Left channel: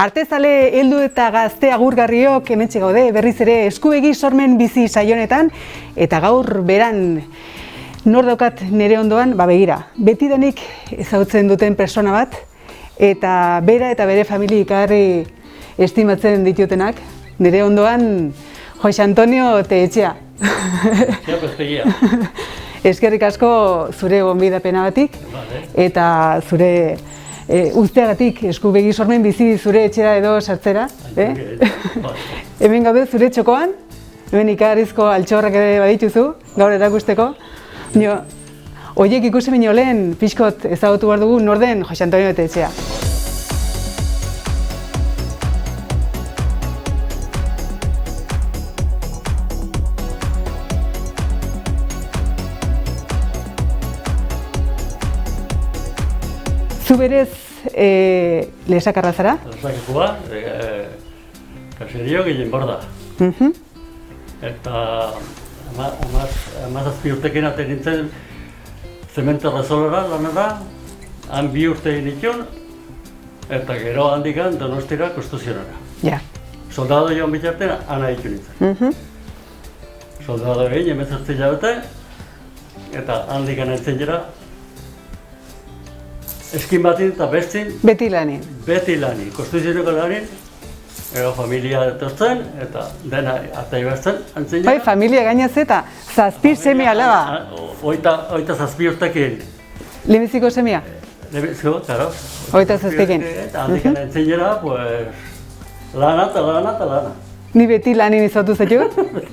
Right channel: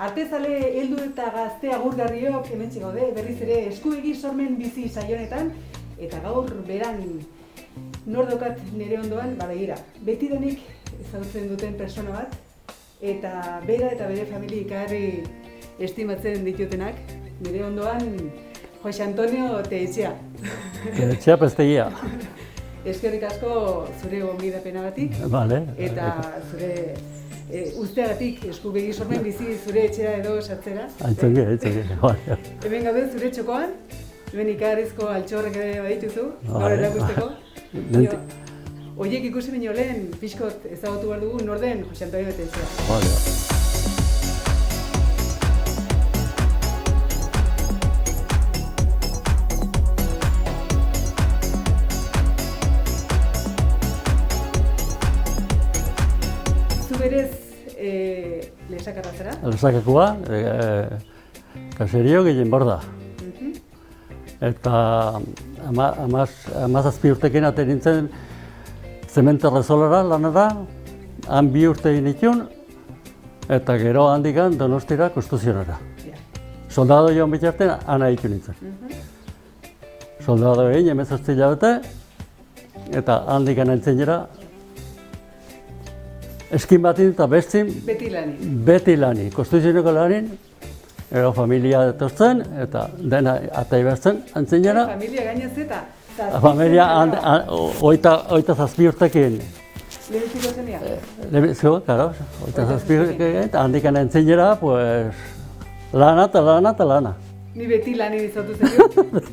Artezale heldu eta gazte agurgarriok hementxe gaude, berriz ere eskuegi sormen bizi saionetan, eta gaur beran nor daukat nire ondoan, begira, betidanik ezagutzen duten persona bat, eta bera eta bere familia ikarri estimatzen ditutenak, nire ondoan Jose Antonio Teetxea. Etxea pestegia. Eskerrik asko zure gonbidapenagatik, eta zure usteagatik eskubegi sormen bizi zure etxera edo sartzera. Hemen gaude zure txokoan, hemen ikarrizko altxorrak ere badituzu, gaur erakusteko. Oiek ikusi baino lehen pixkot ezagutu behar dugu nor den Jose Antonio Teetxea. Zu berez lesakarra zara? Lesakakua, kaserio gehien borda. Eta amazazpi urtekin aten nintzen zementa rezolara lanara, han 2 urte egin itun, eta gero handikan Donostira konstituzionara. Soldado joan bitartena, ana itun nintzen. Soldado egin, 18 hilabete, eta handikan entzen jera, eskin batin eta bestin. Beti lanin. Beti lanin, konstituzioneko lanin, ero familia etortzen, eta dena atai behar antzen jara. Familia gainaz eta zazpi semi alaba. Oita zazpi urtekin. Lehenbiziko semia? Lehenbiziko, claro. Oita zazpikin. Eta handikan entzen jara, lana eta lana eta lana. Ni beti lanin izautu zaitu?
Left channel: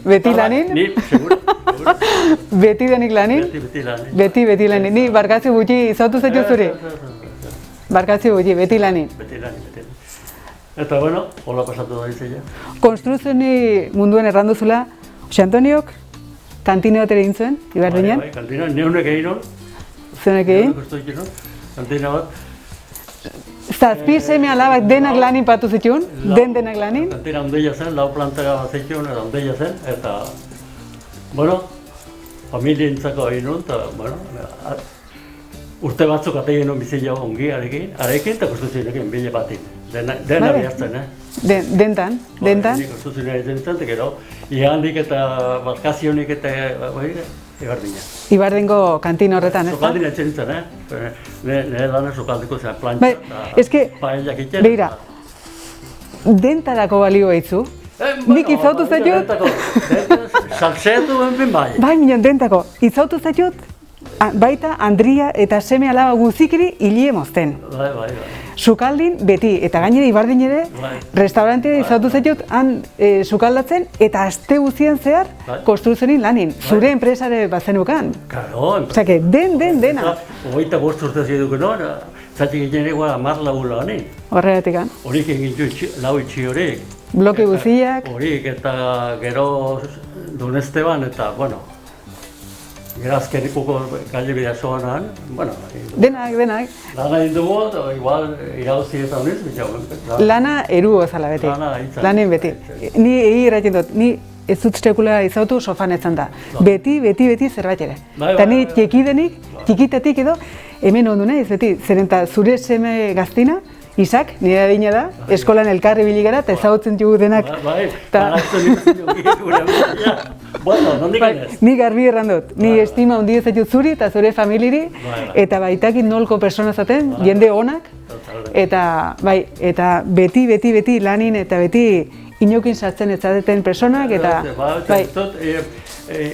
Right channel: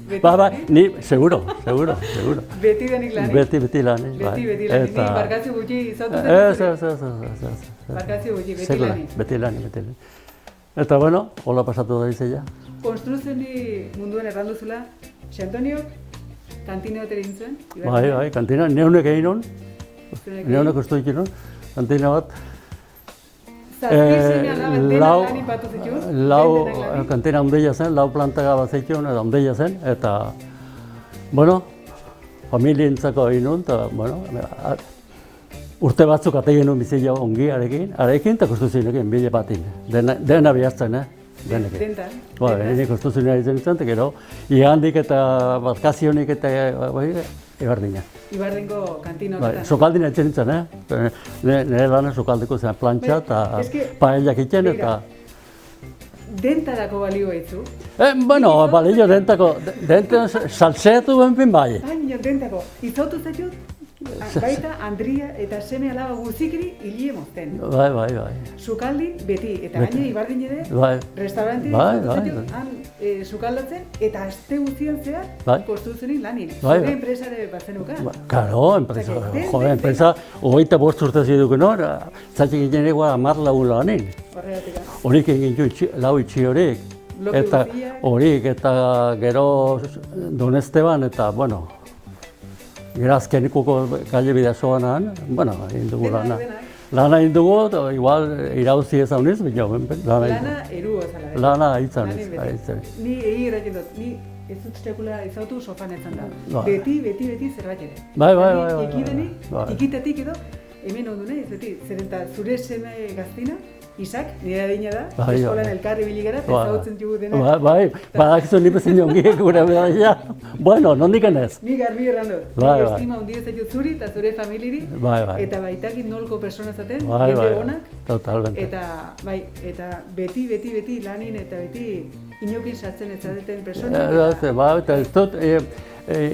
Beti lanin? Ni, seguro. Beti denik lanin? Beti lanin. Beti lanin. Ni barkatzi gutxi izautu zaitu zure? Barkatzi gutxi, beti lanin. Beti lanin. Eta bueno, hola pasatu da izela. Konstruzioni munduen erranduzula, Jose Antoniok kantine bat ere egin zuen, Ibardinean? Bai, kantina, neunek egin hon. Zuenek egin? Neunek ustu egin hon, kantina bat. Zazpi seme alaba denak lanin patu zituen? Denak lanin? Kantina ondeia zen, 4 plantega bat zituen, eta ondeia zen, eta, bueno, familientzako egin hon, eta, bueno, urte batzuk ate genuen bizia ongi arekin, eta konstituzionekin bile batin. Dena bihazten, Dentan? Hini konstituzioa izan izan, eta gero, ihandik eta bazkazionik eta Ibardina. Ibardingo kantina horretan, ez da? Sokaldin etxen zen, nire lana sokaldiko zera plantxa eta paellak itxen eta... Dentarako balio behitzu? Bueno, balio dentako, salseatu benbin bai. Bai, minon, dentako. Izautu zaitut, baita Andria eta seme alaba guzikiri hilie mozten. Bai. Sukaldin beti, eta gainera Ibardin ere, restaurantea izautu zaitut, han sukaldatzen, eta aste guztian zehar konstruzionin lanin. Zure enpresare bazenukan. Karo, enpresa. Osea, dena. Enpresa, 25 urte ziduken hor, zatik egin egoa 10 lagun lanin. Horregatik, Horik egin du lau itxi horik. Bloke guziak. Horik, eta gero Don Esteban, eta, bueno, Mira, azkenikuko gaile bidazoan, bueno, denak. Lana indugu, eta igual irauzi ez hauniz, Lana erugo zala beti. Lana hitzan. Lanin beti. Ni egi erratzen dut, ni ez dut sekula izautu sofan etzan da. Beti zerbait ere. Eta ni tiekidenik, tikitatik edo, hemen ondu nahiz, beti, zeren eta zure seme gaztina, Isak, nire adina da, eskolan elkarri biligara eta ezagutzen dugu denak. Bai, baraktu nire zen jongik gure behar. Bueno, nondik enez? Ni garbi erran dut, ni estima hundi ezatut zuri eta zure familiri, eta baitakit nolko persona zaten, jende onak. Eta beti lanin eta beti inokin sartzen ez zadeten personak, eta...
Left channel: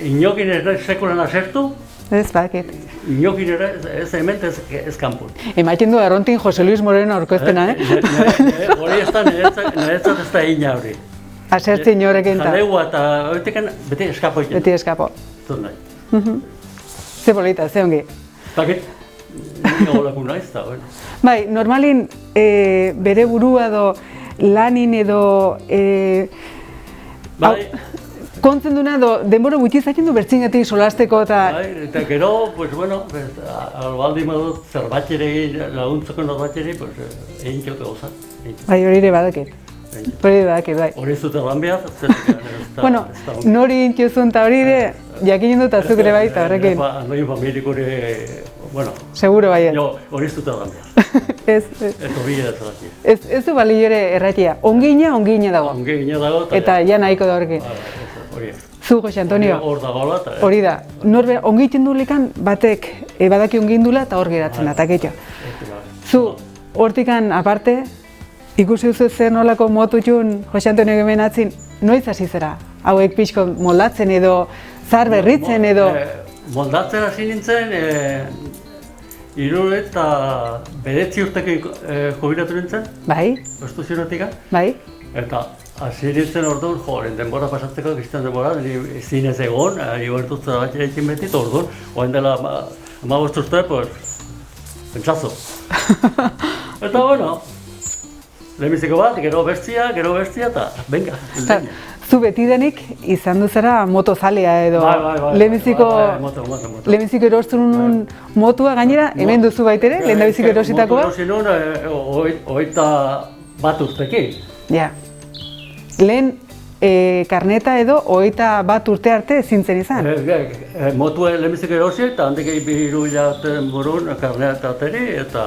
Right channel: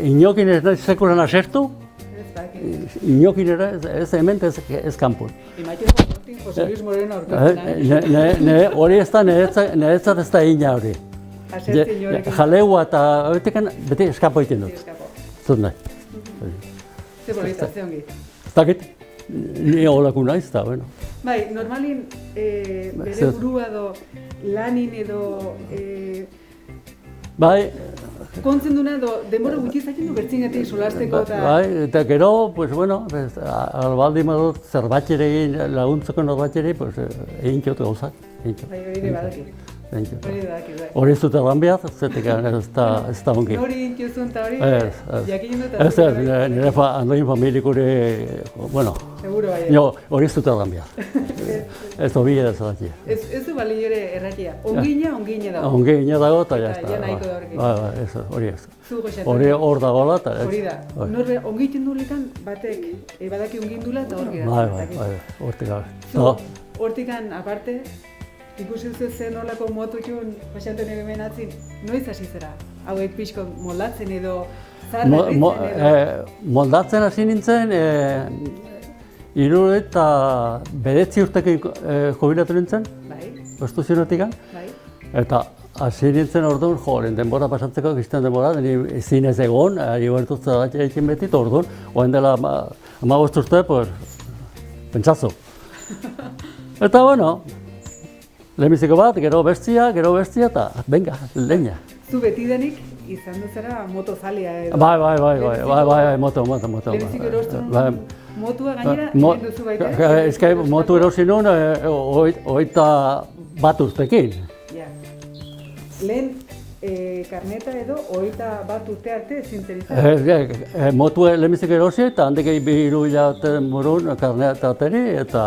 Inokin ere sekulan asertu, Ez bakit. Inokin ere ez hemen ez kanpun. Emaiten du Arrontin Jose Luis Moreno aurkezpena, Hori ez da, niretzat ez da egina hori. Asertzen inorekin da. Jaleua eta horretekan beti eskapo egiten. Beti eskapo. Zut nahi. Ze polita, ze ongi. Zakit, ni agolako naiz da, bueno. Bai, normalin bere burua edo lanin edo... Bai. Kontzenduna edo denbora gutxi izaten du bertzingetik solasteko eta... Bai, eta gero, pues bueno, albaldi madut zerbatxere egin, laguntzeko norbatxere, pues egin kiotu gauza. Bai, hori ere badakit. Hori da, bai. Hori zute lan behar, zetik ez da ongi. Nori intiozun eta hori jakinen dut atzuk ere baita, horrekin. Nori familik hori, bueno. Seguro bai. Hori zute lan behar. Ez. Eta bi ez daki. Ez du bali ere erratia. Ongina dago. Ongina dago. Eta ja nahiko da horrekin. Hori ez. Zu, Jose Antonio. Hor dagoela. Hori da. Norbera, ongiten dulikan batek badaki ongindula eta hor geratzen da, eta ketxo. Zu, hortikan aparte, ikusi duzu zer nolako motutxun Jose Antonio hemen atzin, noiz hasi zera? Hauek pixko moldatzen edo, zar berritzen edo? Moldatzen hasi nintzen, 69 urteko jubilatu nintzen. Bai. Konstituzionetik. Bai. Eta hasi nintzen orduan, denbora pasatzeko, bizten denbora, zinez egon, ari bertutzen bat egin beti, eta orduan, oen dela 15 urte, pues, pentsazo. Eta bueno, lehenbiziko bat, gero bestia, eta venga, lehenbizia. Zu betidanik izan duzera motozalea edo Bai, moto. Lehenbiziko erostu nuen motua gainera, hemen duzu baitere, lehenbiziko erositakoa? Motu erosi nuen, 21 urtekin. Ja. Lehen karneta edo 21 urte arte zintzen izan? Motu lehenbiziko erosi eta handik 3 hilabete morun karneta ateri eta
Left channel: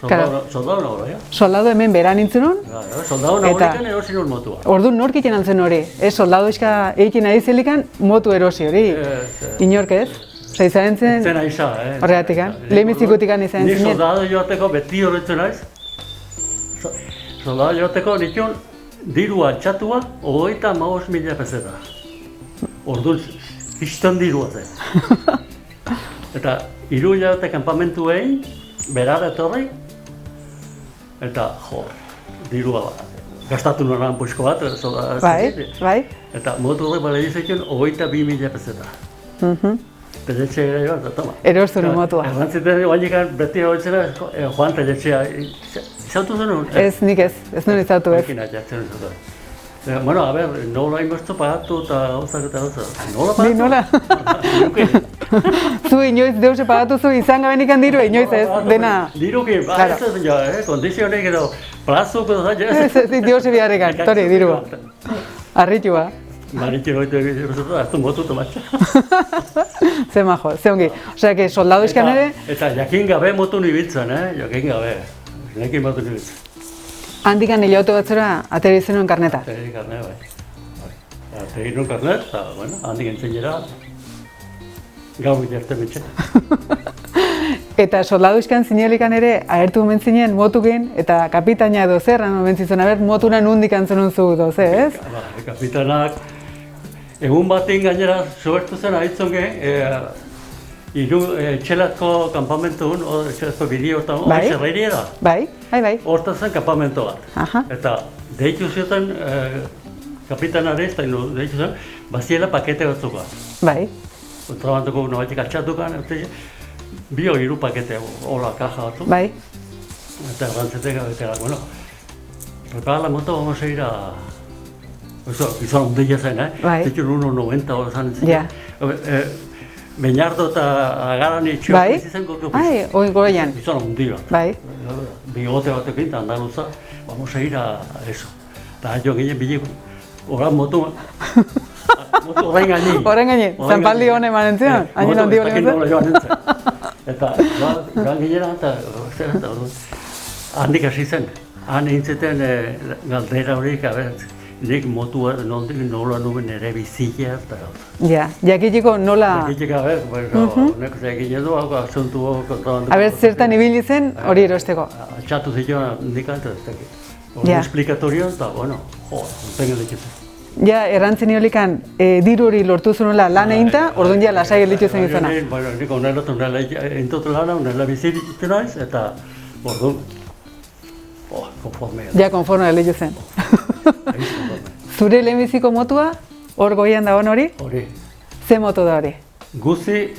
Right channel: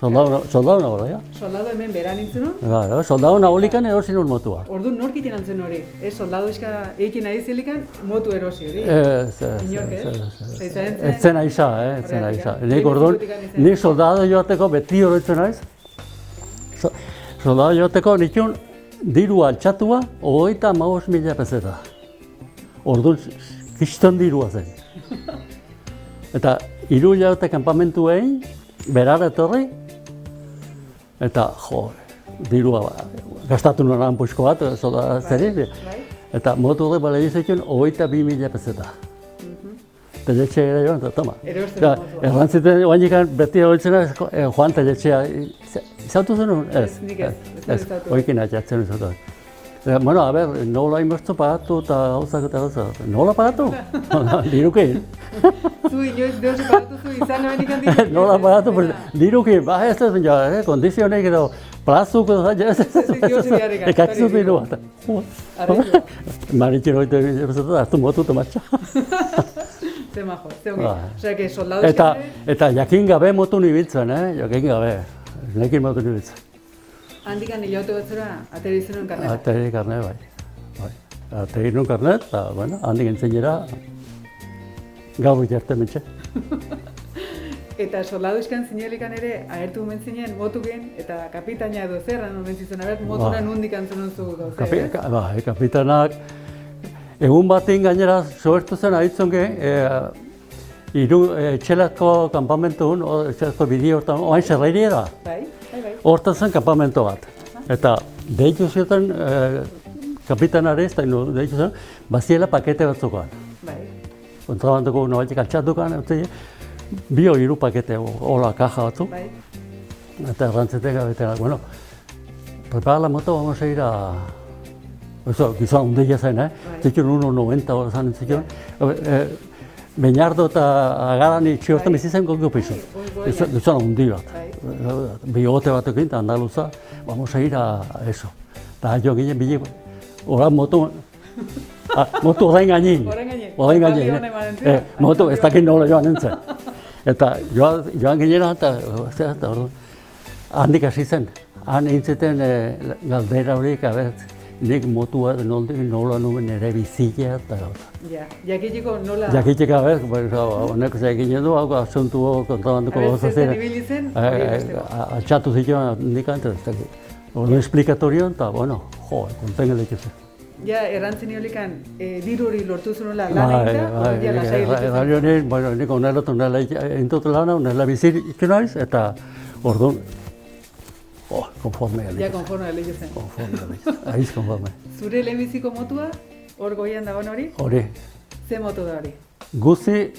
soldadu nagoela, ja. Soldadu hemen beran nintzen hon? Soldadu nagolikan erosi nun motua. Orduan nork egiten antzen hori? Soldadu iska egiten ari zelikan motu erosi hori? Inork ez? Izan zen? Etzen aiza, horregatik, lehenbizikotikan izan zinen? Ni soldadu joateko beti horretzen naiz. Soldadu joateko nikun diru altxatua 35.000 peseta. Orduan, kiston dirua zen. Eta 3 hilabete kanpamentuei, berara etorri, eta dirua gastatu nuen puxko bat, bai. Eta motu horre bale izakien 22.000 peseta. Teletxe joan, eta toma. Erostu nuen motua. Errantziten oainikan beti horitzena, joan teletxea, izautu zen hori? Ez, nik ez nuen izautu ez. Horrekin atxatzen izautu. Bueno, a ver, nola inbertzu pagatu eta gauzak eta gauzak. Nola pagatu? Nola? Diruki. Zu inoiz deuse pagatu zu izan gabenikan diru, inoiz ez, dena. Diruki, ez ez ja, kondizionek edo plazuk edo zaila. Ez, deuse biharrekan, tori, diru. Arritxua. Maritxin hoite egitea, hartu motutu matxa. Ze majo, ze ongi. Osea, que soldadu eskan ere... Eta jakin gabe motu nibiltzen, jakin gabe. Nekin motu nibiltzen. Handikan hilautu batzura, ateri zenuen karneta? Ateri karnet, bai. Ateri nuen karnet, eta, bueno, handik entzenera, gau iterten mitxe. Eta soldadu iskan zinelikan ere, ahertu omen zinen motuken, eta kapitaina edo zerran omen zizun, motura nundik antzunun zu doze, ez? Kapitanak, egun batin gainera sobertu zen aditzonge, txelazko kampamentu txelazko bideo hortan, hori xerreiria da. Bai. Hortan zen kampamentu bat. Eta deitu zioten kapitanare, eta deitu zen, baziela pakete batzuka. Bai. Kontrabanduko nobaitik altxatukan, bi hori 3 pakete, hola kaja batzu. Bai. Eta errantzetek abetela, bueno, prepara la moto, vamos a ir a... Eso, gizon ondeia zen, Tekin 1.90 hori zan entzien. Beñardo eta Agarani txiotu bizitzen gogo pizu. Oi goian. Gizon ondia. Bai. Bigote batekin, andaluza, vamos a ir a eso. Eta jo ginen biliko. Horan motu... Motu horren gainin. Horren gainin, zanpaldi honen manen zion. Motu ez dakit nola joan nintzen. Eta joan ginena eta handik hasi zen. Han eintzeten galdera horiek, nik motua nola nuen ere bizila eta gauza. Ja, jakitiko nola... Jakitiko, honek zegin edo, asuntu kontrabanduko... Aber, zertan ibili zen hori erosteko. Altxatu zituen nik antes, ez dakit. Hori esplikatorio eta, bueno, kontengen dikitzen. Ja, errantzen horikan, diru hori lortu zunola lan eginta, orduan ja lasai gelditu zen izana. Bueno, nik onela egintotu lana, onela bizitu naiz, eta orduan, konforme. Ja, konforme gelditu zen. Zure lehenbiziko motua, hor goian dagoen hori? Hori. Ze moto da hori? Guzi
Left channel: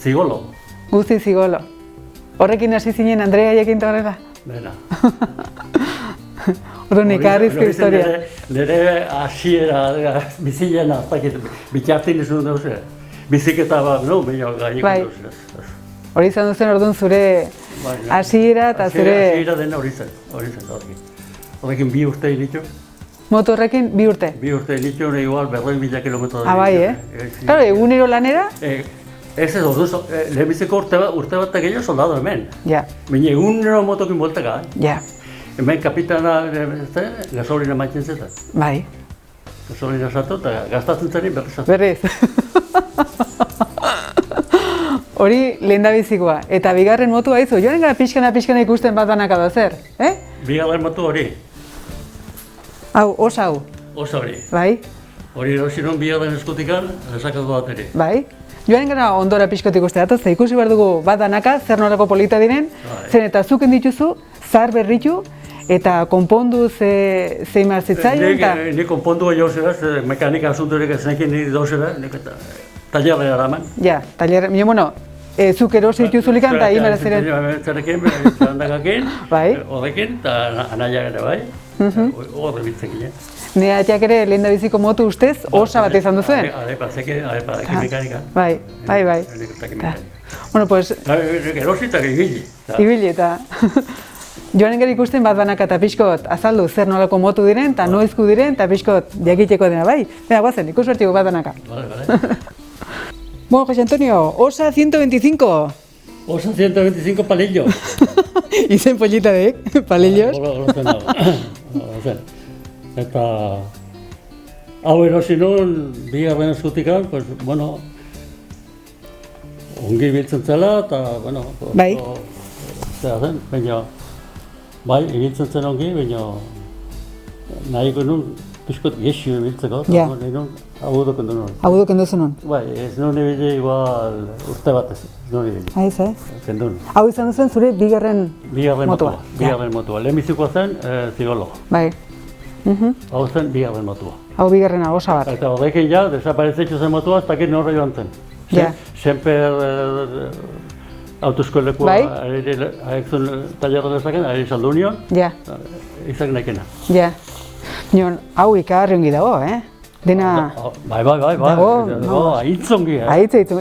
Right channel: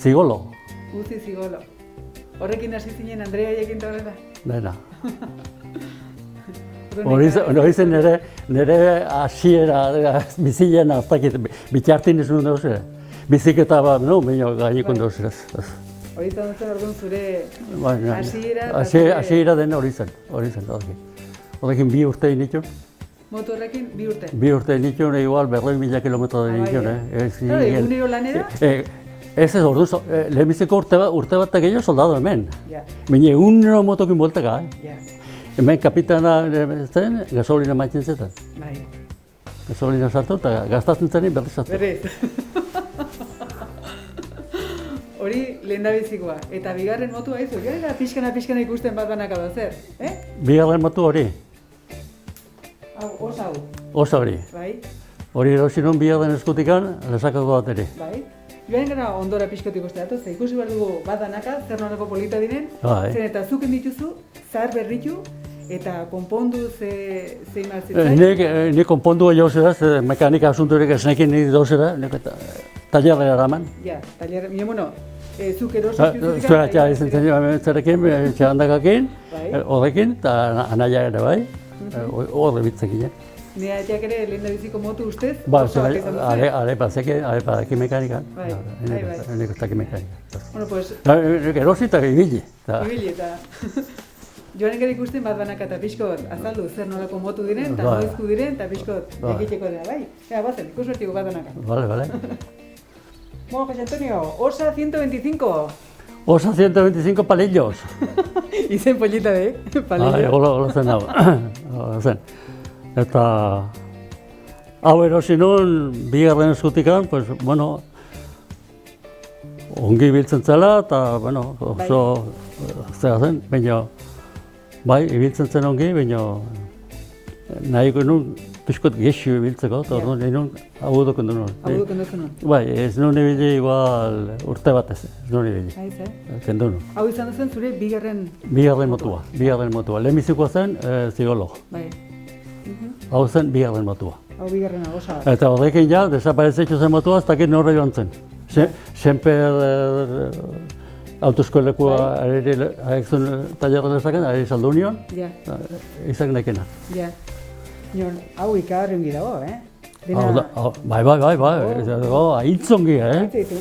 Zigolo. Guzi Zigolo. Horrekin hasi zinen Andrea jakin horrela? Dena. Orduan ikarrizko historia. Nire hasiera bizilean aztakit, bitxartin izan dauz, biziketa bat, no, baina gaikon dauz. Hori izan duzen orduan zure hasiera eta zure... Hasiera dena hori zen, horrekin 2 urte initu. Moto horrekin 2 urte? 2 urte initu, igual 40.000 kilometro da. Bai, Claro, egunero lanera? Ez ordu, lehenbiziko urte bat gehiago soldado hemen. Ja. Baina egunero motokin bolteka. Ja. Hemen kapitana gasolina maitzen zeta. Bai. Gasolina sartu eta gastatzen zenin berriz sartu. Berriz. Hori lehendabizikoa. Eta bigarren motua izu, joan gara pixkana ikusten bat banaka da zer, Bigarren motu hori. Hau, osa hau. Osa hori. Bai. Hori erosi nun bigarren eskutikan, lesakako bat ere. Bai. Joan gara ondora pixkot ikuste datoz, ikusi behar dugu bat danaka, zer nolako polita diren, zen eta zuken dituzu, zar berritu, eta konpondu zein marzitzaion. Ni konpondu jo zera, mekanika asunturek ez nekin niri dauzera, talerra eraman. Ja, talerra, bueno, zuk erosi dituzulikan eta ibera ziren. Zerekin, txandakakin, horrekin, eta anaia ere bai, horre bitzekin. Nire atiak ere lehendabiziko motu ustez, osa bat izan duzuen? Arepa, mekanika. Bai. Bueno, pues... Erosi eta ibili. Ibili eta... Joanen gara ikusten bat banaka eta pixkot azaldu zer nolako motu diren, eta noizku diren, eta pixkot jakiteko dena, bai? Bera, guazen, ikusbertiko bat banaka. Vale. Bueno, Jose Antonio, Osa 125. Osa 125 palillos. Izen polita de, palillos. Hola zen hau. Eta... Hau erosi nuen, bigarren zutikan, pues, bueno... Ongi biltzen zela, eta, bueno... Bai. Zera zen, baina... Bai, ibiltzen zen ongi, baina... Nahiko nuen, pixkot gexio ibiltzeko, eta nahi nuen, hau duken du nuen. Hau duken duzu nuen? Bai, ez nuen ibili igual urte batez, ez nuen ibili. Haiz, Kendu nuen. Hau izan duzen zure bigarren motua? Bigarren motua. Lehenbizikoa zen zigologo. Bai. Hau zen bigarren motua. Hau bigarrena, osa bat. Eta horrekin ja, desaparezetxo zen motua, ez dakit norra joan zen. Senper autoeskolekoa aek zuen talerra dezaken, ari saldu union, izak nekena. Ja. Hau ikarri ongi dago, Dena... Bai, ahitzongi,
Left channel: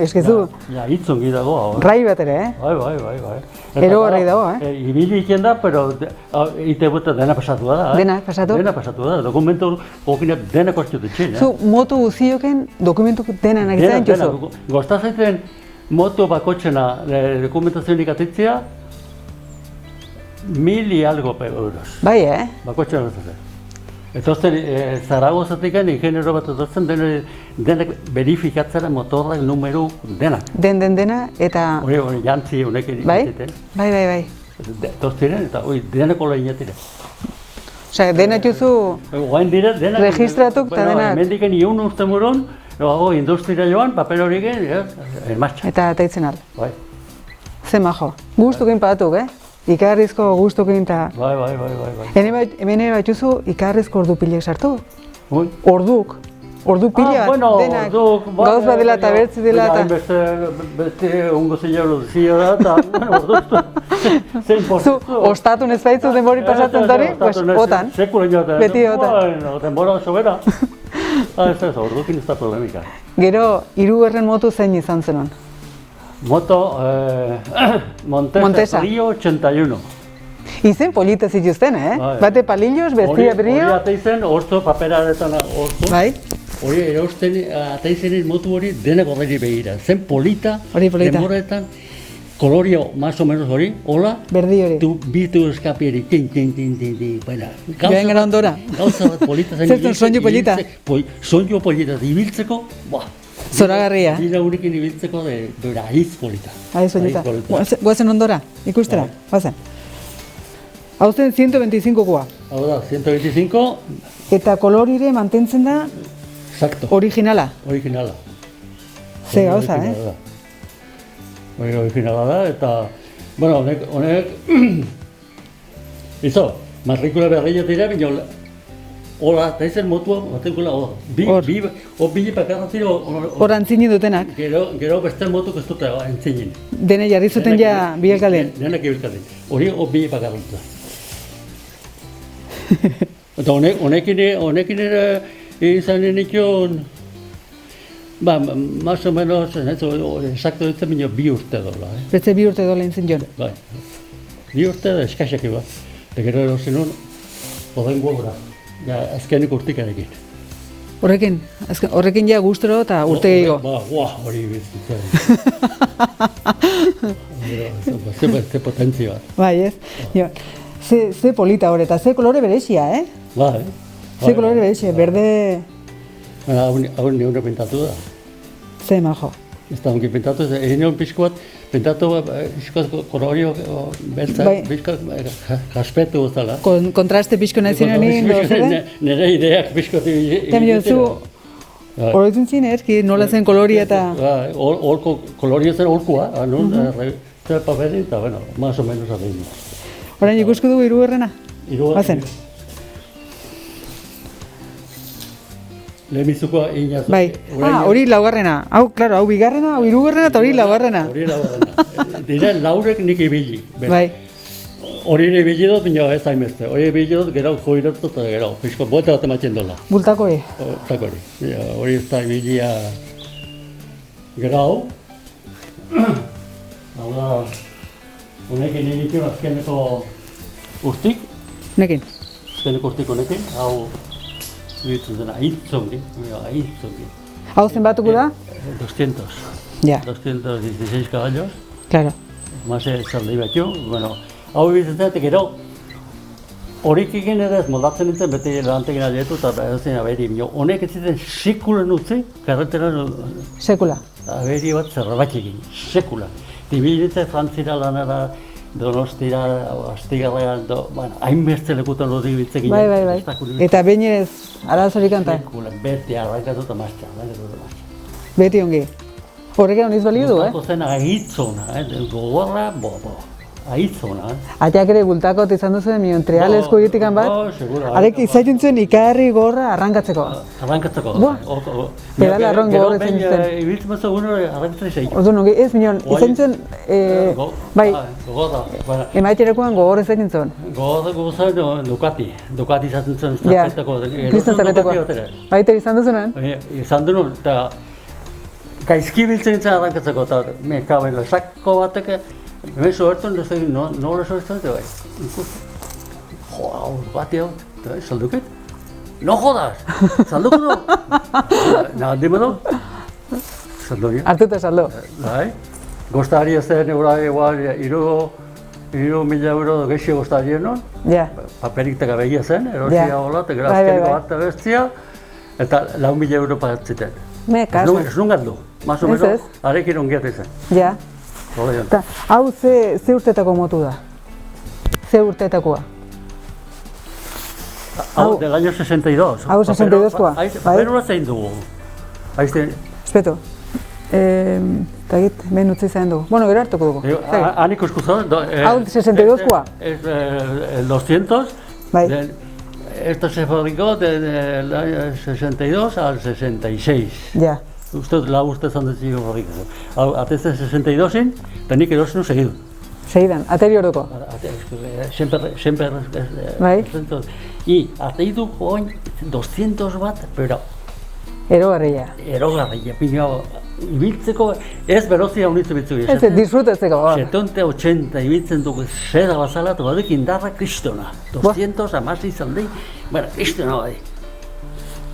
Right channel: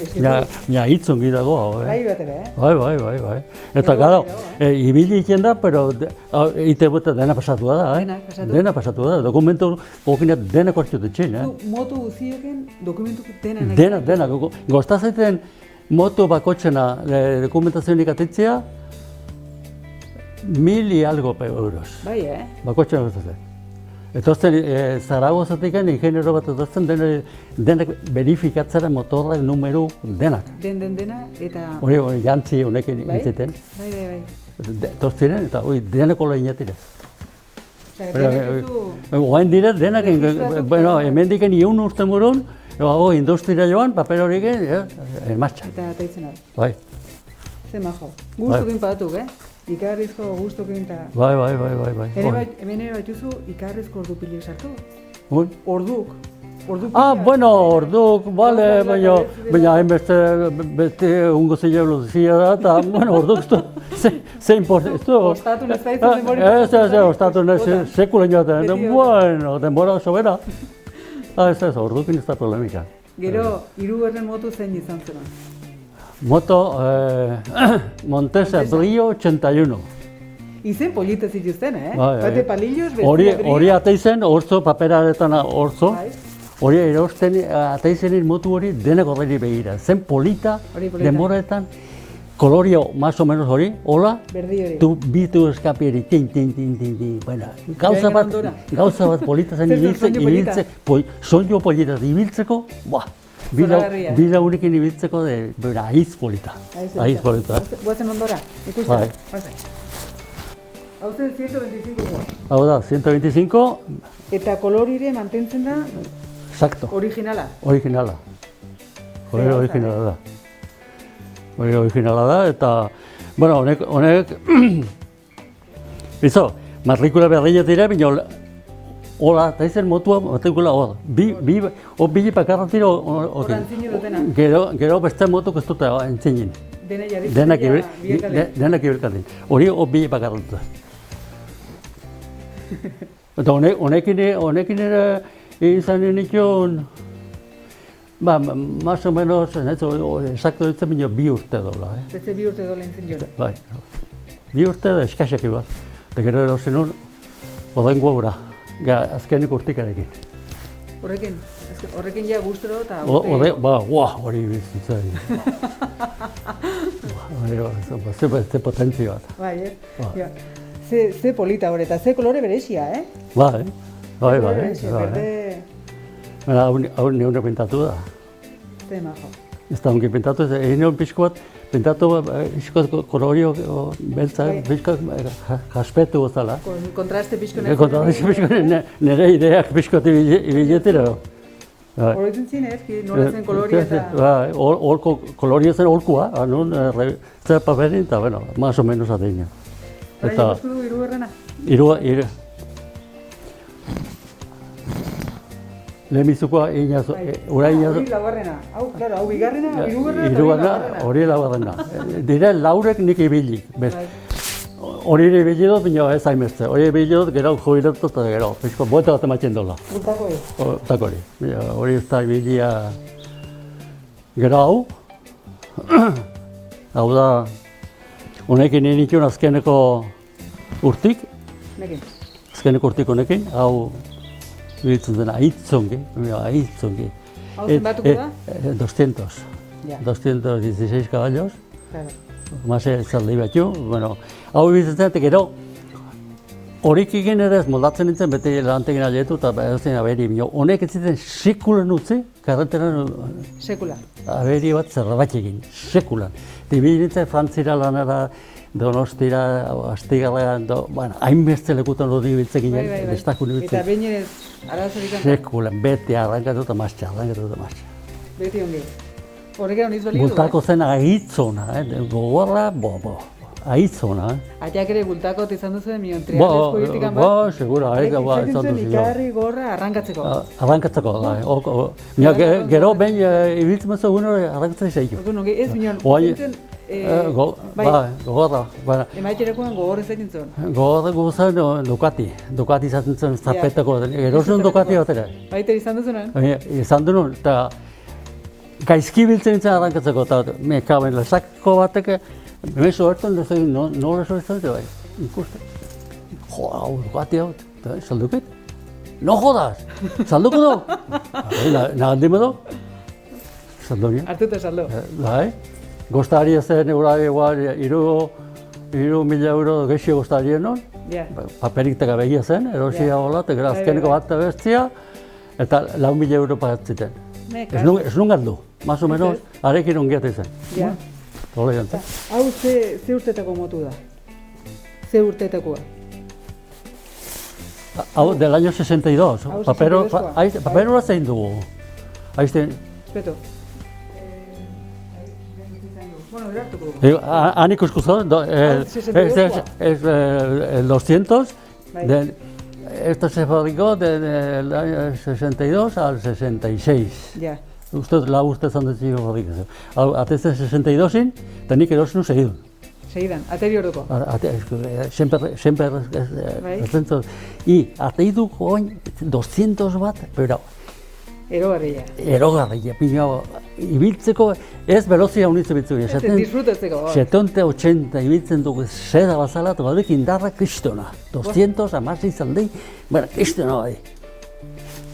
eskezu... Ja, ahitzongi dago. Rai bat ere, Bai. Ero garri dago, Ibili iken da, pero ite buta dena pasatu da. Dena pasatu? Dena pasatu da, dokumentu hokinak dena kostio dutxin. Zu, motu guzioken dokumentu dena nagizain jozu? Dena, goztazaiten moto bakotxena dokumentazionik atitzea, 1.000 y algo euros. Bai, Bakotxena goztazaiten. Eta Zaragozatik ingeniero bat etortzen denak verifikatzera motorrak, numero, denak. Dena, eta... Hori jantzi honek egiten. Bai. Tortiren, eta denako lehinetiren. Osea, denak juzu... Oain dira, denak... Registratuk eta denak... Hemendiken iun urte moron, industria joan, papel horiek, en marcha. Eta teitzen al. Bai. Ze majo. Gustukin patuk, Ikarrizko gustukin eta... Bai. Hemen ere batxuzu ikarrizko ordupilek sartu? Orduk pila bat, denak. Gauz bat dela eta bertzi dela eta... Baina beste ungo zehiago zia da, eta, orduztu. Zein postu. Ostatu nezbaitzu denbori pasatzen zari, pues, otan. Sekula inotan. Beti otan. Bueno, denbora sobera. Ez da, ordukin estatu lehenika. Gero, 3. motu zein izan zenun? Moto Montesa Brio 81. Izen polita zituzten, Bate palillos, bestia Brio. Hori ateizen, orzo, paperaretan orzo. Bai. Hori erosten, ateizenin motu hori denako hori begira. Zen polita, denboraetan, kolorio, más o menos hori, hola. Berdi hori. Tu bitu eskapieri, tin. Gauza bat polita zen ibiltzeko. Soinu polita ibiltzeko, Zoragarria. Dira unikin ibiltzeko aiz polita. Aiz polita. Guazen ondora, ikustera, guazen. Hau zen 125koa. Hau da, 125. Eta kolorire mantentzen da... Exacto. Originala. Ze gauza, Originala da, eta... Bueno, honek... Izo, matrikula berriak dira, bina... Hola, eta izen motua, batekula hor. Bile pakarran zira hor... Hor antzinin dutenak. Gero beste motuk ez dute antzinin. Dene jarri zuten ja biekalean. Denak biekalean. Hori hor bile pakarran zuten. Eta honekin ere izan nikion... Más o menos, exacto ditzen bine 2 urte dola. Beste 2 urte dola entzin joan. Bai. 2 urte da eskaxak iba. Eta gero erosen hor, Horrengo gura, azkenik urtikarekin. Horrekin ja gustoro eta urte gehiago. Hori bizitzea. Ze potentzia bat. Bai, ez? Ze polita hori, eta ze kolore berezia, Bai. Ze kolore berezia, berde... Hau neure pintatu da. Ze majo. Ez da ongi pintatu, egin nion pixko bat, pintatu kolorio beltza, pixko jaspetu gozala. Kontraste pixko nazioen egin. Nire ideak pixko egin. Horretzen zin, nola zen kolori eta... Kolori zen olkua, zer paperin, eta, bueno, más o menos adeina. Horain ikusko dugu hirugarrena? Lehenbizukoa inaz... Bai, hori laugarrena. Hau bigarrena, hau hirugarrena eta hori laugarrena. Hori laugarrena. Dira laurek nik ibili. Bai. Hori ibili dut, bino ez hainbeste. Hori ibili dut, gero joiratu eta gero. Pizko, bote bat ematzen dola. Bultako e? Bultako hori. Hori ez da ibilia... Gero hau. Hau da... Honekin nintuen azkeneko urtik. Nekin? Azkeneko urtik honekin. Hau... Ditzen dena, ahitzongi. Hau zenbatuko da? 200. Ja. 216 caballos. Claro. Mase zaldi betio. Bueno, hau bizitzetik gero, horik egin edez moldatzen nintzen beti lantegin alietu eta edozein aberi. Honek ez ziten sekulan utzi, karreteran... Sekula? Aberi bat zerrabat egin, sekula. Dibilitzen Frantzira lanara, Donostira, Astigarrean, hainbeste lekutan dut ibiltzekin. Bai. Eta behin ez, arazorik antan? Sekula, beti arrankatu eta maztxa. Beti ongi. Horrekin honiz balio du, Bultako zen ahitzona, gogorra, ahitzona. Ateak ere bultakot izan duzuen mion trialezko ditikan bat? Segura. Arek izaiten zuen ikarri gorra arrankatzeko. Arrankatzeko, gero behin ibiltzen mazu egun arrankatzen izaitu. Orduan, ez minon, izaiten bai, gogorra. Emaiterakoan gogor izaiten zuen. Gogorra zen Ducati izaten zen estafetako. Baita izan duzunen? Izan duen, eta gaizki biltzen nintzen arrankatzeko, eta mekaben lezako batek, hemen sobertzen, nora sobertzen, eta bai, ikusten. Hau, Ducati hau, eta bai, salduket? No jodas! Salduko du? Nahandi manau? Saldu nio. Artuta saldu. Bai, goztari ez zen igual, 3.000 euro geixi goztari non. Paperik teka behina zen, erosia hola, eta gero azkeneko bat bestia, eta 4.000 euro pagatziten. Ez nungan du, más o menos, arekin ongiat izan. Ja. Hau ze urtetako motu da? Ze urtetakoa? Hau, del año 62. Hau 62koa? Paper hona zein dugu? Espeto. Eta egit, behin utzi zain dugu. Bueno, gero hartuko dugu. Han ikusku zain? Hau 62koa? El 200. Esto se fabricó del año 62 al 66. Ja. Uste zan dut zigo horrik. Atezen 62-in, eta nik erosin segidu. Segidan, ateri horreko? Sempre. Bai? I, ateidu joan 200 bat, pero... Erogarria. Ibiltzeko ez velozia unitzen bitzu. Ez, disfrutatzeko. 70-80 ibiltzen dugu zera bazala, eta godek indarra kristona. 200 amasi izan dahi, kristona bai.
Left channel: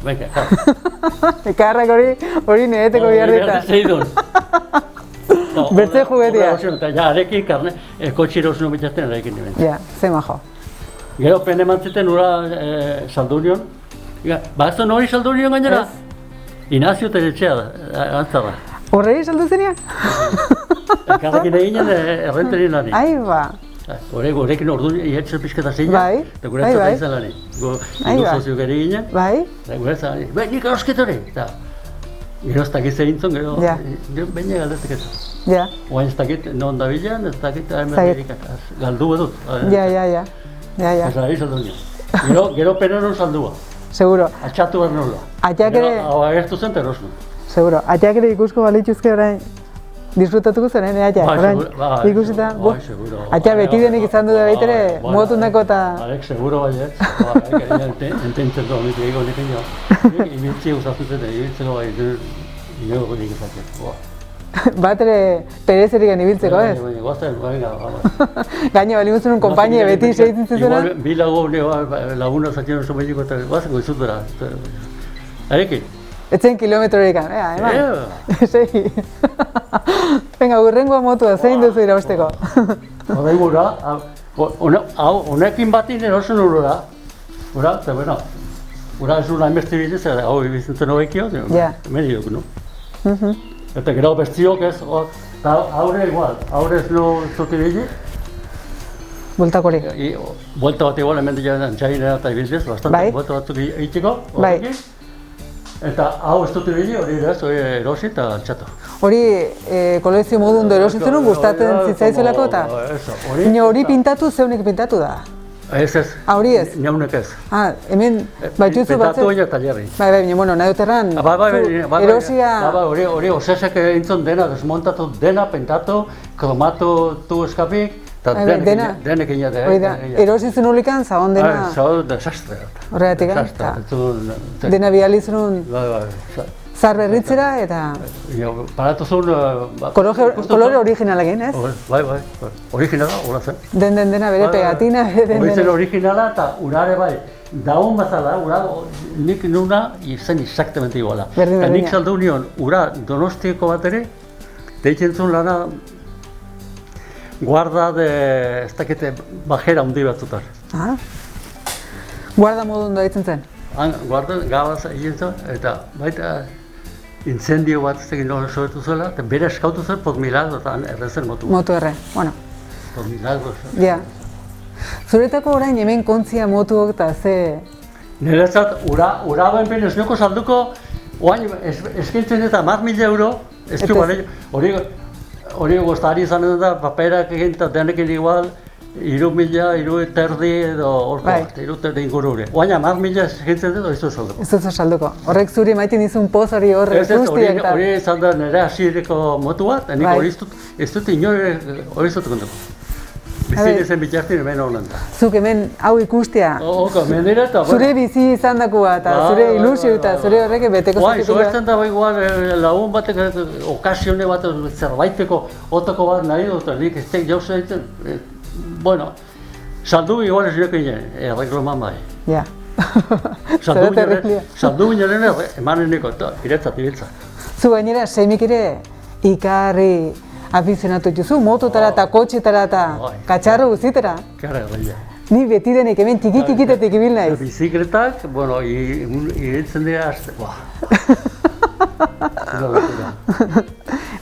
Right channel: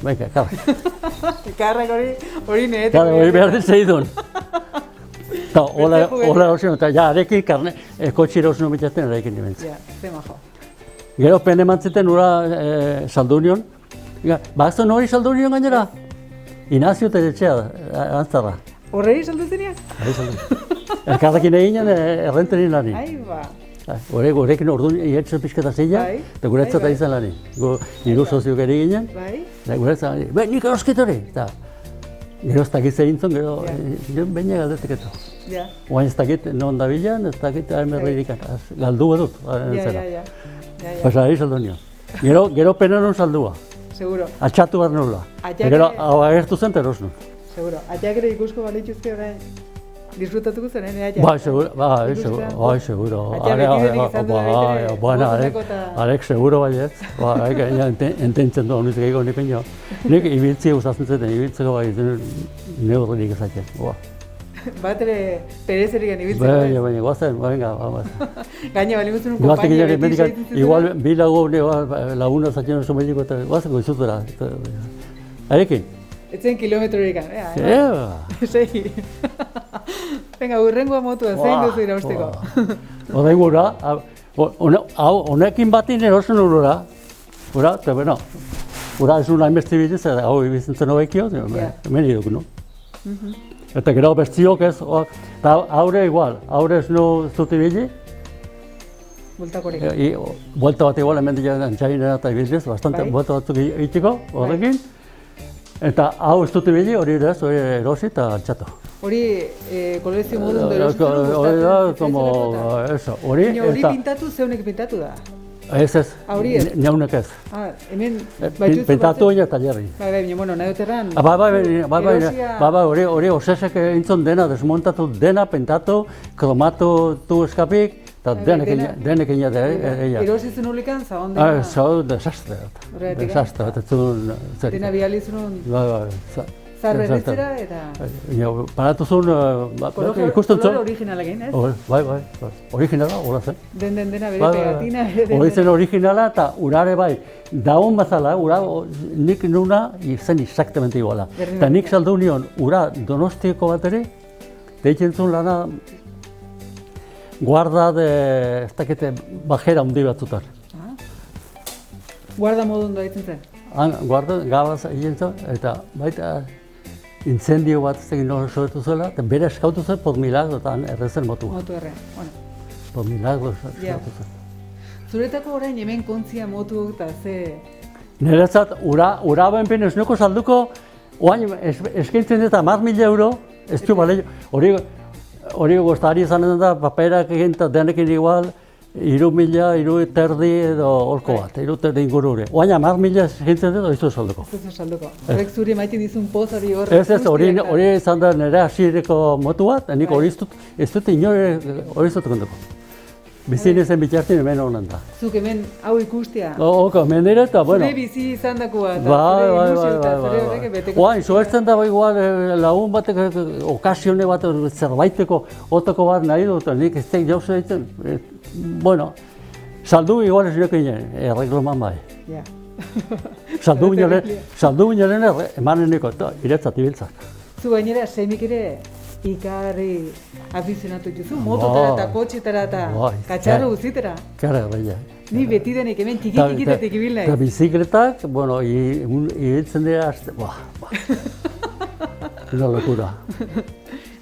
Baina, klar. Ekarrak hori nireteko biarrita. Behar zeidun. Bertze juguetia. Eta ja, arekin kotxe erosin obitzaten arekin niren. Ja, ze majo. Gero pene mantziten ura saldunion. Ba ez da nori saldunion gainera? Inazio Teletxea da, antzara. Horregi saldu zenean? Elkarrekin eginen errenten nire lani. Ai ba. Horrekin orduan iatzen pixketa zeinen, eta guretzat izan lani. Indu soziuk ere ginen, guretzat, nik erosketore! Gero ez dakit zegintzen, gero baina galdetek ez. Oain ez dakit non da bilan, ez dakit Amerikak, galdu badut. Ja. Pesa ari saldu nio. Gero peneron saldua. Seguro. Atxatu behar nola. Gero agertu zen terosno. Seguro. Ateak ere ikusko balituzke orain disfrutatuko zen, atea? Bai, seguro. Atea beti denik izan du da baitere, motundeko eta... Arek, seguro baiet. Ententzen du amitek ego nik egin. Nik ibiltzi gustatzen eta ibiltzeko bai, nire nik ezaket. Bat ere perezerik ibiltzeko, ez? Baina, guazen, baina. Gaine bali guztun konpainia beti segitzen zuzera? Igual, bi laguna zatzen oso behiko eta guazen goizutera. Arekin? Etzen kilometrorik, eman? Segi. Venga, gurrengo motua, zein duzu irausteko? Horai gura, honekin batin erosen horora. Hora, eta bueno, hora ez hura emesti bitez, hau ibizintzen horrekio, medi duk, no? Eta gero bestiok ez, haure igual, haure ez no zuti bizi. Bultakorik? Bulta bat igual, hemen dira txainera eta ibiziz, bastante bulta batzuk egiteko, horrekin. Eta hau ez dut ibili, hori erosi eta altxatu. Hori kolekzio modun du erositzen gustatzen zitzaizelako eta? Hori pintatu, zeunik pintatu da? Ez ez, neunek ez. Hemen batxutzu batzen? Pintatu baina talerri. Baina, nahi duterran, erosia... Hori osesek entzun dena, desmontatu dena, pintatu, kromatu eskapik, eta denek egin da. Erositzen horikan, zahon dena? Zahon desastre. Horregatik, dena bialitzen zarra erritzera eta... Paratu zuen... Kolore originalekin, ez? Bai, originala, hori zen. Dena bere pegatina. Hori zen originala eta urare bai. Daun bazala, nik nuna izan exactamente iguala. Eta nik saldu nion, ura Donostiako bat ere, deitzen zuen lana guarda de, ez dakite, bajera hundi batzutar. Guarda modun da ditzen zen? Guarda, gabaz egin zen, eta baita incendio bat ez egin nola soetu zela, eta bere eskautu zen por milagro eta errezen motu. Motu erre, bueno. Por milagro soetu zen. Zuretako orain hemen kontzia motuok eta ze... Niretzat, ura benpin ez nuko salduko, oain eskaintzen eta 10.000 euro, ez du hori goztari izanen da, paperak egin eta denekin igual, 3.000, 3.000 edo horko bat, 3.000 ingurure. Oaina, 10.000 eskaintzen dut, ez du salduko. Ez du salduko. Horrek zuri maiten dizun poz hori horre guztiak eta... Hori izan da nire hasiereko motu bat, nik hori ez dut inore hori ez dut kontuko. Bizi nezen bitxartin hemen horren da. Zuk hemen hau ikustea. Hemen dira eta... Zure bizi izan dakoa eta zure ilusio eta zure horrek beteko zaituko. Zoertzen da igual lagun batek okasione bat zerbaiteko otoko bat nahi dut, nik ez tek jauze egiten. Bueno, saldu igual ez nioke inen, errekloman bai. Ja. Saldu inen emanen niko, iretzat, ibiltzat. Zu gainera, semik ere ikarri afizionatu dituzu, mototara eta kotxetara eta katxarro guztitara. Kara, bai. Ni beti denek hemen tiki-tikitetik ibil naiz. Bizikletak, bueno, iretzen dira,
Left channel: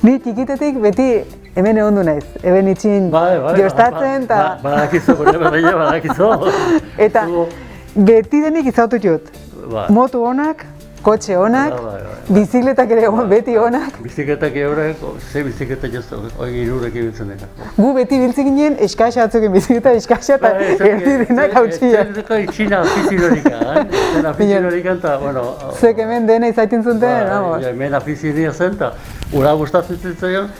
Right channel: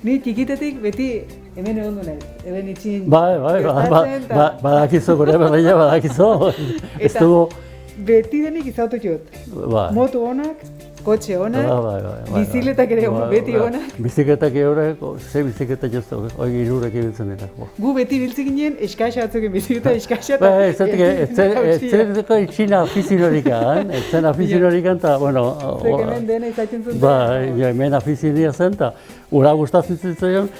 Ni txikitetik beti hemen egondu naiz, hemen itxin jostatzen eta... Badakizu, badakizu. Eta beti denik izautu jut. Motu honak, kotxe honak, bizikletak ere beti honak. Bizikletak eurek, ze bizikletak joztu, hori irurek ibiltzen dira. Gu beti biltzen ginen eskaxa atzuken bizikleta eskaxa eta erdirenak hautsia. Ez deka itxina afizionorikan, zen afizionorikan eta, bueno... Zek hemen dena izaiten zuten, hemen afizionia zen eta ura gustatzen zitzaion.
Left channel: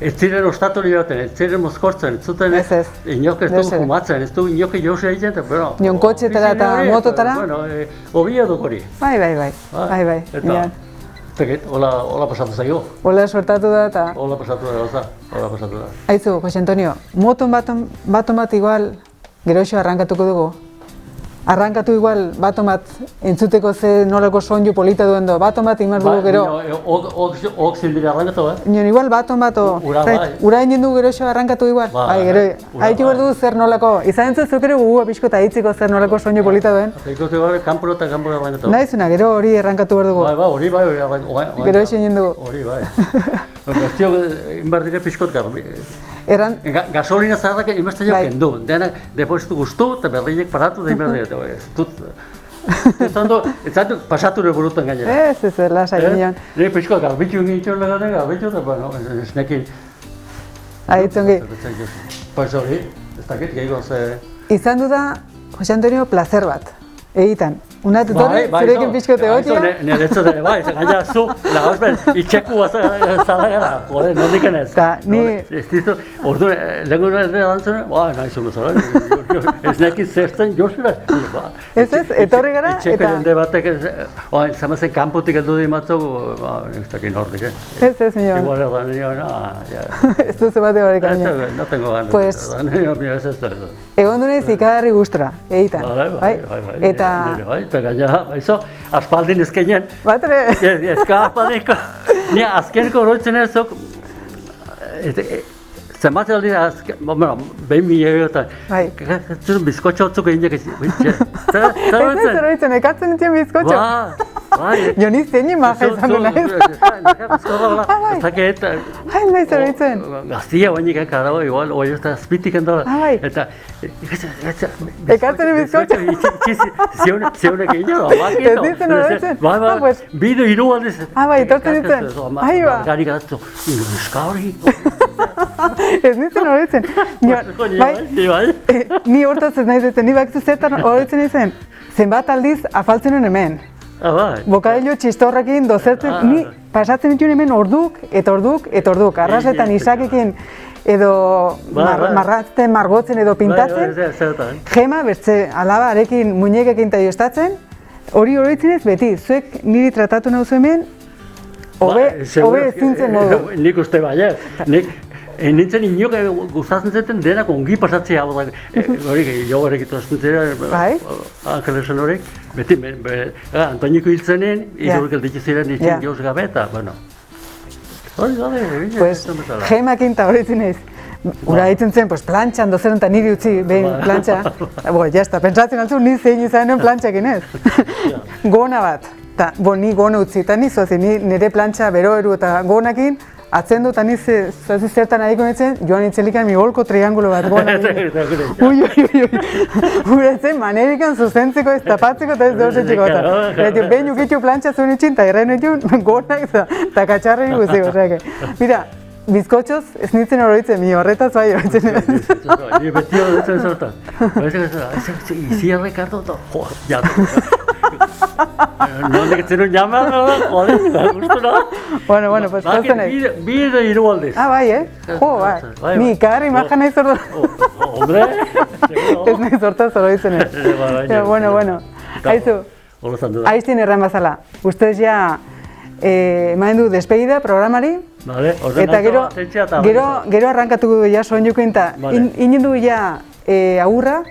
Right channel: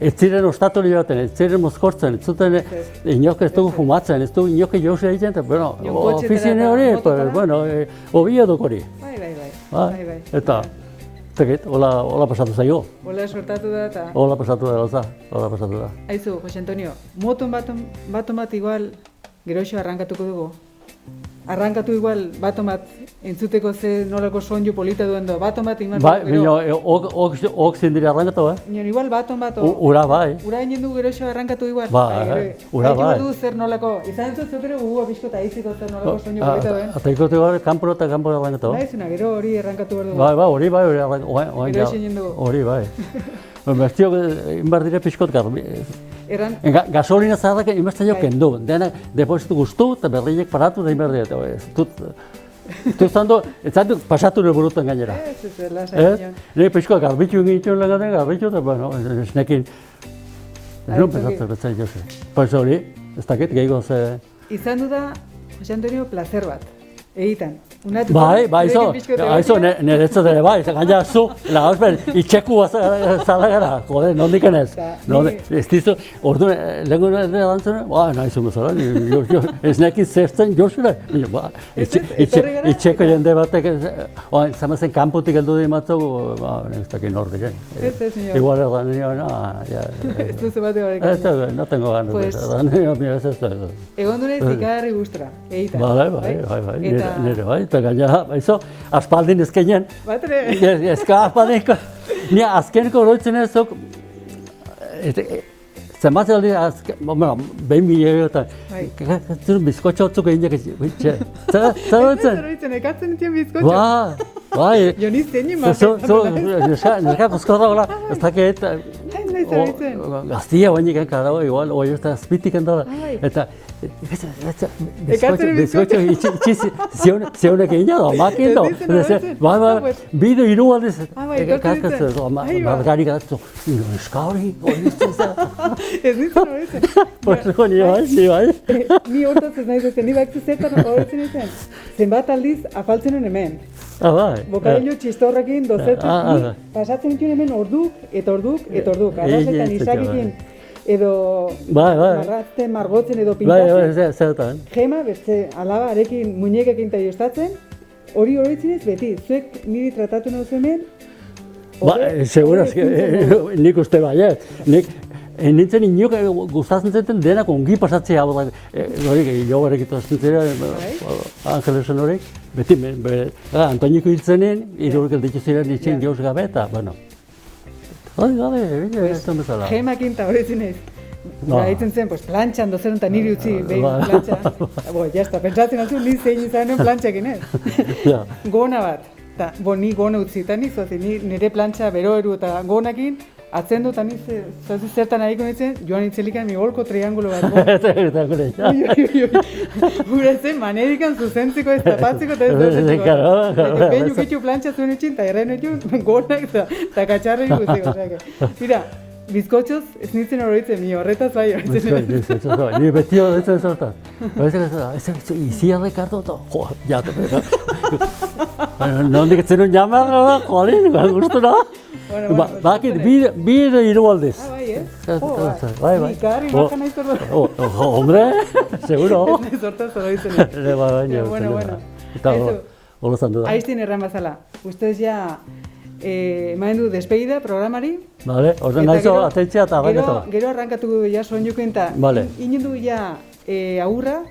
Ez ziren ostatori baten, ez ziren mozkortzen, ez zuten inok ez du fumatzen, ez du inok jauze egiten, pero... Nion kotxetara eta mototara? Bueno, obila duk hori. Bai. Eta, zekit, hola pasatu zaio. Hola suertatu da eta... Hola pasatu da. Aizu, Jose Antonio, moton bat igual geroxo arrankatuko dugu. Arrankatu igual baton bat entzuteko ze nolako soinu polita duen do, baton bat imar dugu gero. Ok zindira arrankatu, Nion igual baton bat o... Ura egin du geroxo arrankatu igual. Bai, gero, haitu du zer nolako, izan entzut zuk ere gugua pixko eta hitziko zer nolako soinu polita duen. Eta ikutu gara, kanporo eta kanporo arrankatu. Naizuna, gero hori arrankatu behar dugu. Hori bai. Gero egin du. Hori bai. Bertio, inbar dire pixkot garbi. Gasolina zaharrak inbeste jo kendu, denak depositu guztu eta berriak paratu da inberdi. Ez zaitu pasatu nire buruten gainera. Ez, lasai ginen. Nire pixko garbitu egin garbitu eta, bueno, ez nekin... Ahitzungi. Pues hori, ez dakit, gehiago ze... Izan du da, Jose Antonio, placer bat. Egitan, unatu torri, zurekin pixkote gotia? Nire ez ere bai, gaina zu, lagazpen, itxeku zara gara, jode, nondik enez. Ez dizu, ordu, lego dantzen, nahi zuen bezala, ez nekin zertzen josure. Ez, etorri gara, itxeko jende batek, zamazen kanpotik heldu di matzu, ez dakin horrik, Ez, nio. Igual ez gara, ez duzu bate barik gaina. No tengo ganas. Egon dunez ikagarri gustra, egitan. Bai. Nire bai, eta gaina, aspaldin ezkenean. Batre? Ezka aspaldiko. Nire azkeneko oroitzen ezok, zematzen dira, behin milio eta, bizkotxo otzuk egin jakitzi. Zer oroitzen, ekatzen dituen bizkotxo? Bai. Jo nizten nima ezan duna ez. Neka bizkotxo gara, ez dakit. Nahi zer oroitzen. Gaztia guainik enkara, igual, oi ez da azpitik endola. Eta, ekatzen bizkotxo. Zeunek egin jago, makito. Ez nizten oroitzen. Bidu hiru aldiz. Bai, etortzen ditzen. Gari gaztu, euska hori. Ez nintzen horretzen. Ni hortatzen nahi duten, ni bakzu zertan horretzen izen. Zenbat aldiz afaltzen nuen hemen. Bokadillo txistorrakin dozertzen, ni pasatzen dituen hemen orduk. Arrasetan izakikin edo marratzen, margotzen edo pintatzen. Gema, bertze, alaba arekin muñekekin eta joztatzen. Hori horretzen ez beti, zuek niri tratatu nahuzu hemen, hobe ezintzen modu. Nik uste baiet. Nintzen inok gustatzen zeten denak ongi pasatzea hau da. Jo horrek itosten zera, Angelesen horrek. Beti, Antoñiko hiltzenen, irurrik elditu ziren izin jauz gabe eta, bueno. Hori gabe, Gemakin eta horretzen ez. Ura ditzen zen, plantxan dozeren eta niri utzi, behin plantxa. Jazta, pentsatzen altzu, ni zein izanen plantxekin ez. Gona bat. Ni gona utzi, eta nire plantxa bero eru eta gonakin, atzen dut, ani zertan nahiko nintzen, joan nintzelikan mi holko triangulo bat gona. Uratzen, manerikan zuzentzeko ez tapatzeko eta ez dozitzeko. Behin uketxo plantxa zuen itxin, eta irraen itxun gonak eta katxarri guztiko. Mira, bizkotxoz ez nintzen horoitzen, mi horretaz bai horoitzen. Ni beti horoitzen zortan. Izi Ricardo eta joa, nondik zenun jamea, joder, gustura. Bueno, pues zozen. Bide hiru aldiz. Bai, Jo, bai. Ni karri maja nahi zortan. Hombre, seguro. Ez nahi zortan zoroitzen. Bueno. Aizu, aiztin erran bazala. Ustez ja, emaen du despedida programari. Vale, ordenazo ateitzea eta arrankatu. Gero arrankatuko du ja soñuko inta. Inen du ja agurra.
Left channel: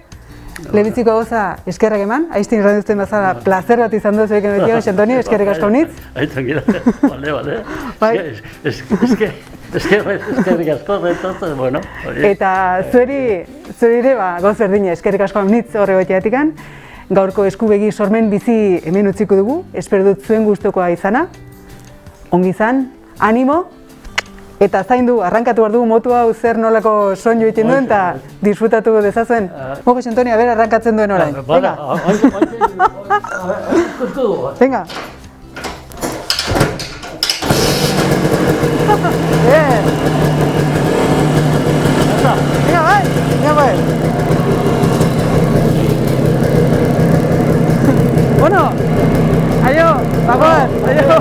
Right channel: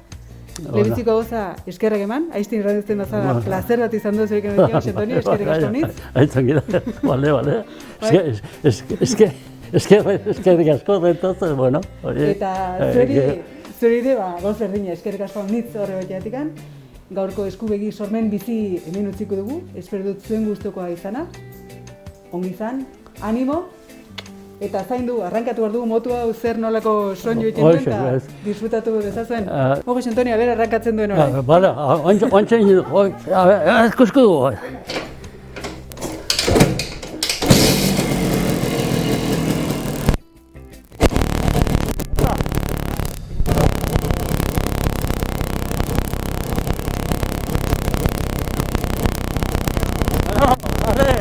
Lehenbiziko gauza eskerrak eman, aiztin irranduzten bazala placer bat izan dut zuekin betia, Antonio, eskerrik asko honitz. Tranquila, bale. Eskerrik asko, entonces, bueno. Eta zuri ere, gauz berdina, eskerrik asko honitz horre goiteatikan. Gaurko eskubegi sormen bizi hemen utziko dugu, espero dut zuen gustokoa izana. Ongi izan, animo. Eta zaindu, arrankatu behar dugu motu hau zer nolako soinu egiten duen eta disfrutatu dezazuen. Jose Antonio, a arrankatzen duen orain. Baina, oantxe egin du. Ezkosko dugu. Venga. Venga, bai. Bueno, aio, bagoaz, aio.